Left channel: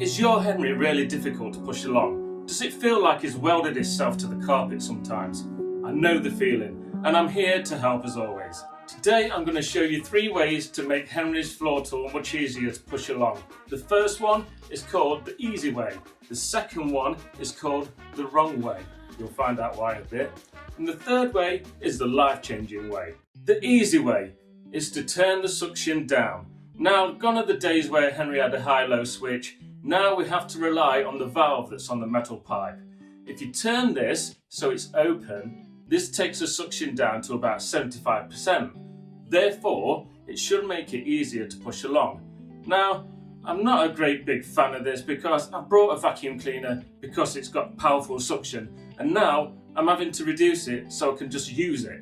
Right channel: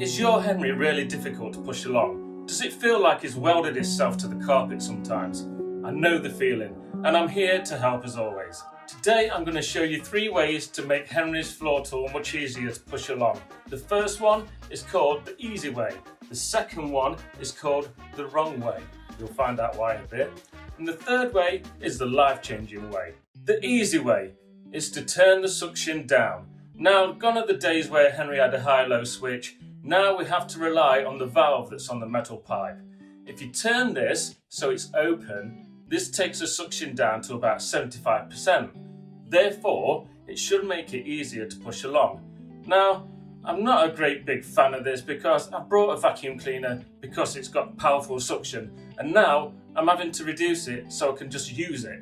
Is your Henry really difficult to push along? Does it feel like he's welded himself to the carpet sometimes? I know the feeling, and I'm here to help as always. Today I'm going to show you 3 ways to make Henry's floor tool much easier to push along. The first one is called the easy way. The second one is called the wrong way. You'll find out why in a bit. And the third way is the life-changing way. The easy way is to turn the suction down. Now, gone are the days where Henry had a high-low switch. Now we have to rely on the valve that's on the metal pipe. If you turn this so it's open, this takes the suction down to about 75%. Therefore, it should make it easier to push along. Now, I'm not a great big fan of this because I brought a vacuum cleaner because it's got powerful suction, and now I'm having to reduce it so I can just use it.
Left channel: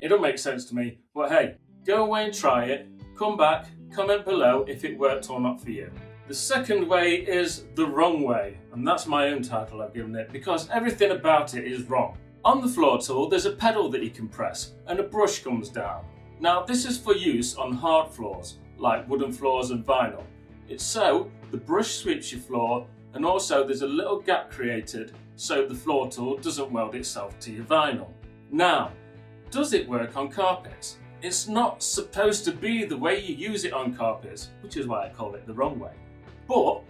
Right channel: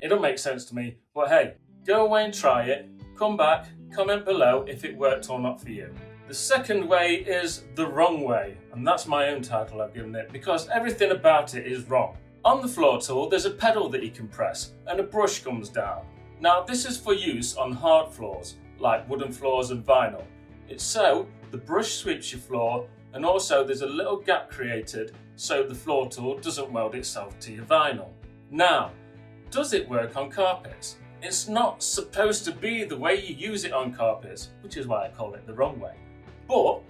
It don't make sense to me, but hey, go away and try it, come back, comment below if it worked or not for you. The second way is the wrong way, and that's my own title I've given it because everything about it is wrong. On the floor tool there's a pedal that you can press and a brush comes down. Now this is for use on hard floors like wooden floors and vinyl. It's so the brush sweeps your floor, and also there's a little gap created so the floor tool doesn't weld itself to your vinyl. Now, does it work on carpets? It's not supposed to be the way you use it on carpets, which is why I call it the wrong way. But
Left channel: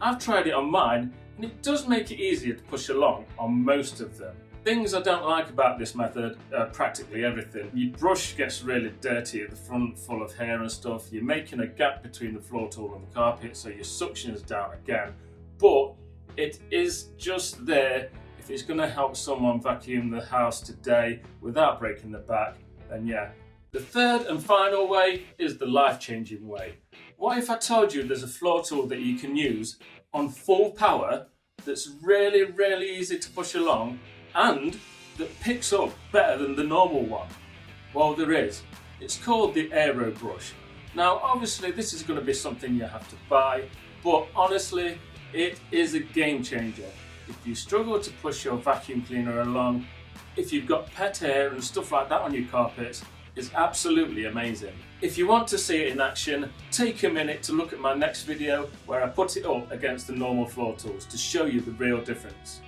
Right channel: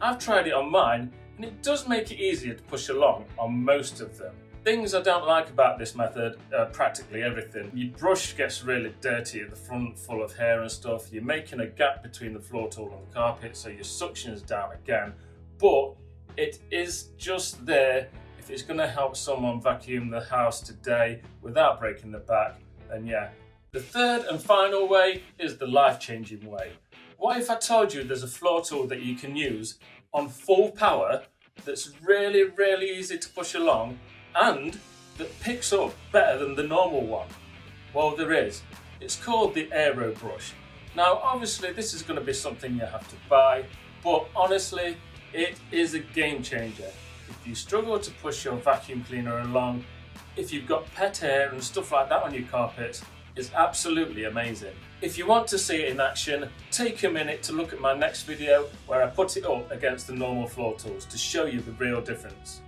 I've tried it on mine and it does make it easier to push along on most of them. Things I don't like about this method are practically everything. Your brush gets really dirty at the front, full of hair and stuff. You're making a gap between the floor tool and the carpet, so your suction is down again. But it is just there. If it's going to help someone vacuum the house today without breaking the back, then yeah. The third and final way is the life-changing way. What if I told you there's a floor tool that you can use on full power that's really, really easy to push along and that picks up better than the normal one? Well, there is. It's called the Aero Brush. Now, obviously, this is going to be something you have to buy, but honestly, it is a game changer. If you struggle to push your vacuum cleaner along, if you've got pet hair and stuff like that on your carpets, it's absolutely amazing. If you want to see it in action, take a minute to look at my next video where I put it up against the normal floor tools to show you the real difference.